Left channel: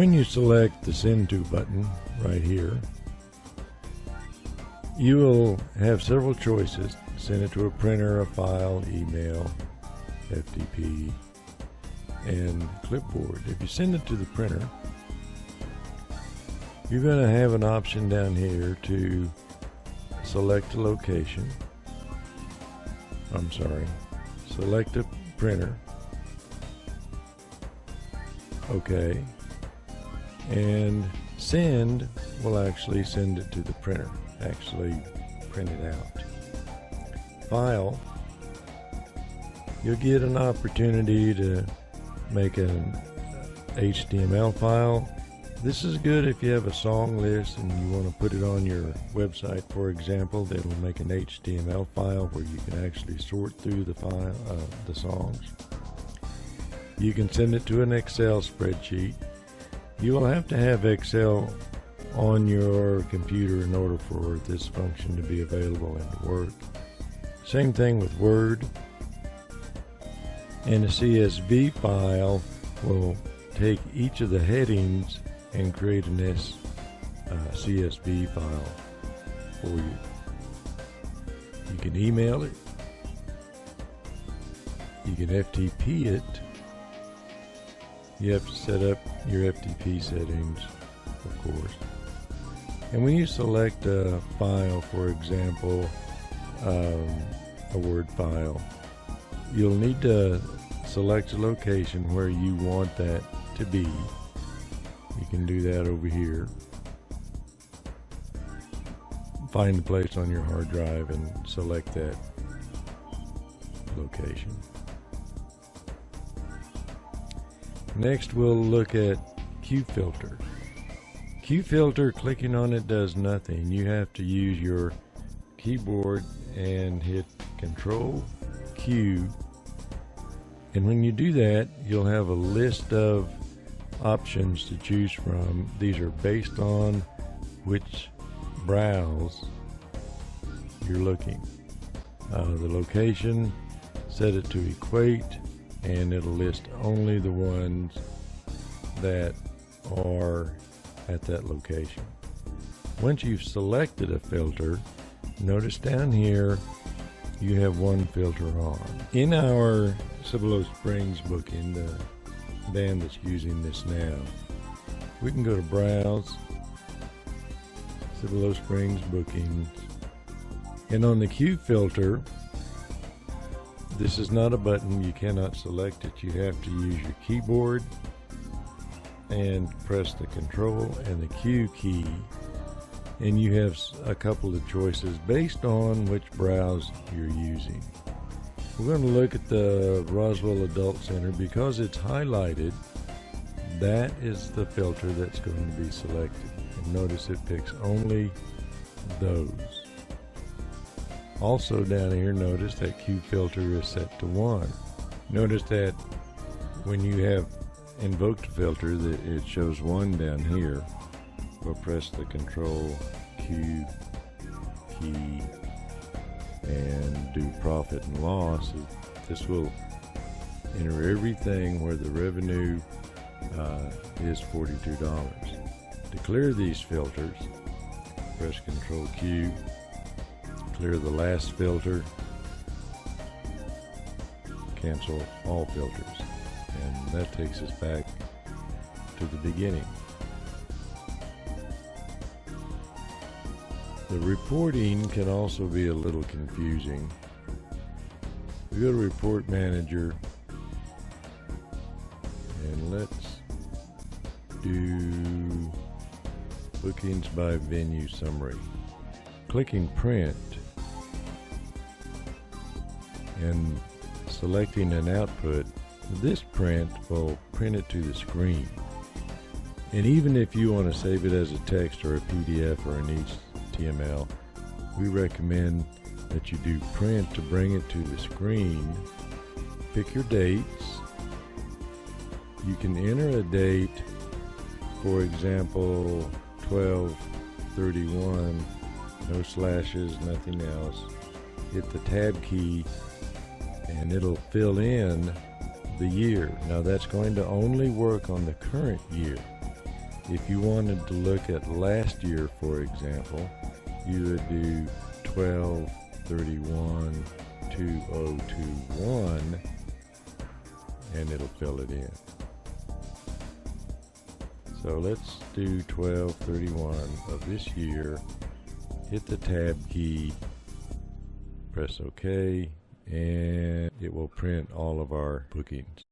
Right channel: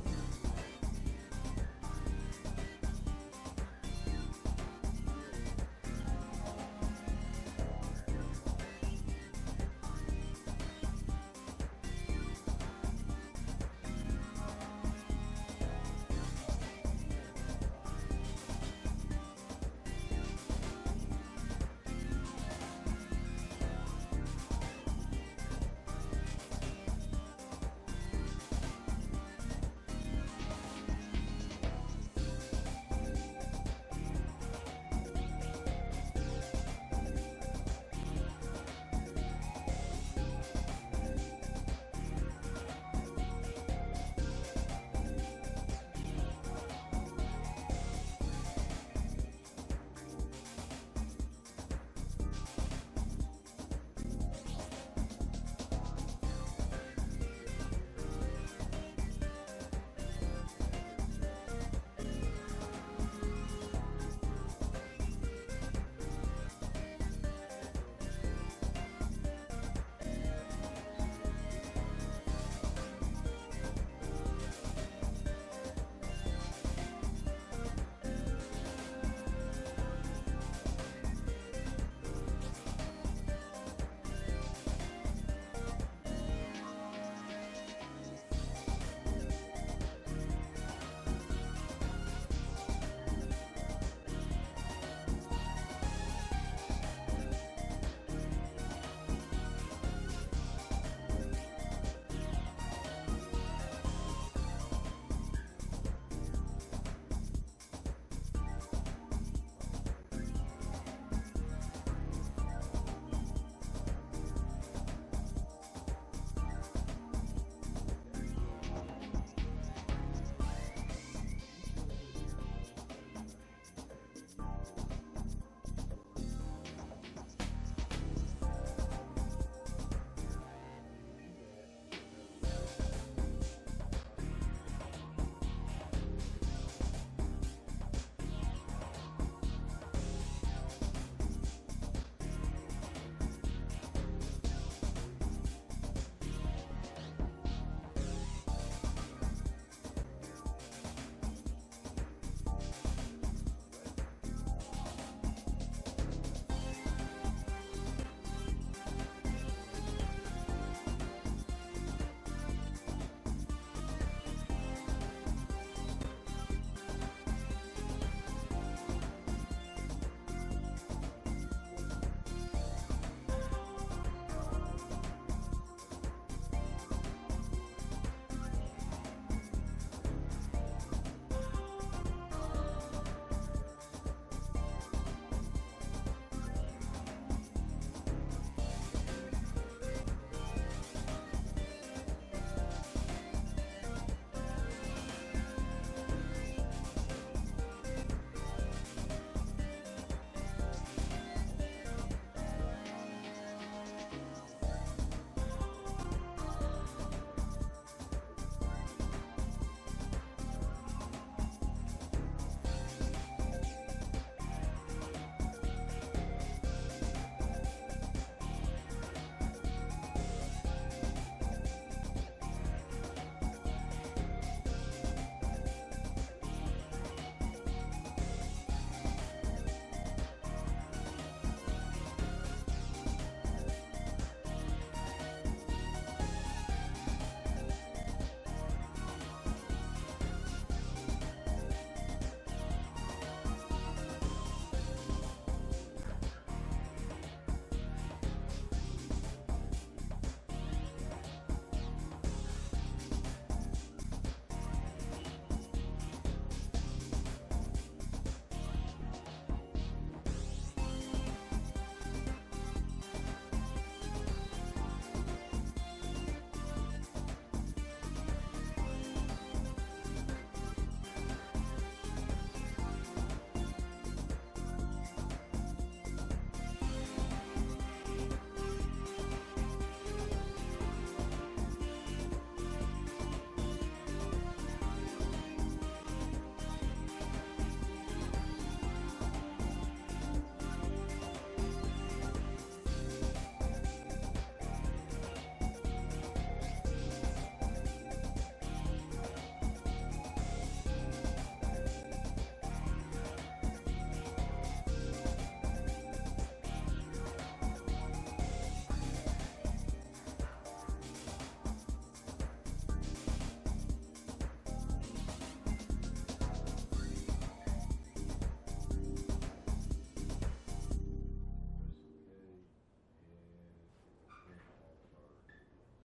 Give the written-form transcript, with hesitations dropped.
When you select the Send To button right here, you will have several choices. Send it to a printer, a file, email, FTP, and clipboard. If you send it to the printer, you're going to have an option down here to select a location. Select a printer. Okay. And send will actually send it to the printer, actually print it out. File, you'll get an opportunity to make an HTML file. This is good if you have a song list and you want to put it on your website, for example. That will make an HTML file where you can actually sort through the file, the songs. You can send it to an Excel spreadsheet. You will have to have Excel on your computer in order for this function to be available and work. Same thing with Word. And a CSV file will take each of the headings and create an CSV file for you. You can email it. You can FTP it. You have to set up your FTP settings, of course. And when you select a file, for example, a Word file, you'll need to select a location where you want that to be. You can do that over here. Find a place on your hard drive and select that location. Next, we'll look at xQFilter. xQFilter, clicking on it does nothing. You have to use your keyboard and hit Control Q. And when you do that, you'll have a list of options to choose from. These are based on which browse you're looking. The location, set it to equate, and it'll list only the ones that are at that location. Once you've selected a filter, notice down here you have one filter on. In our Cibolo Springs booking, the band that's using this now, we can go to Browse, Cibolo Springs Bookings, and on the xQFilter, this is not a button. You cannot select it. You have to use your keyboard and press the Control and the Q key, and you have a couple of choices based on which browse you're using. We're going to look at the Roswell Adult Center. Because it's highlighted, that is the filter that's going to be selected. And notice it picks only those. Also down here, notice that xQFilter is set to 1. Notice that when you have invoked a filter, that it shows 1 down here. We'll press the Control Q key and do profit and loss. This will enter everything where the revenue is $42. To clear these filters, press Control Q. Clear the last filter, cancel all filters, and that takes us back to the beginning. The reporting can also be a little confusing. We go to Report Manager, and let's do Bookings by Venue Summary. Clicking Print and selecting an output, this print will print it to the screen. And even if you want to save it as a text or a PDF or an HTML, we recommend that you do print to bring it to the screen. Pick your dates. You can enter a date, for example, 12/31, no slashes, nothing else. Hit the tab key and it'll fill in the year. Now that's going to only work on the current year. If you wanted to look at last year, for example, you would do 12/31/2021, and it'll fill it in. So let's do 12/31 of this year. Hit the tab key, press OK, and it will print all of our bookings.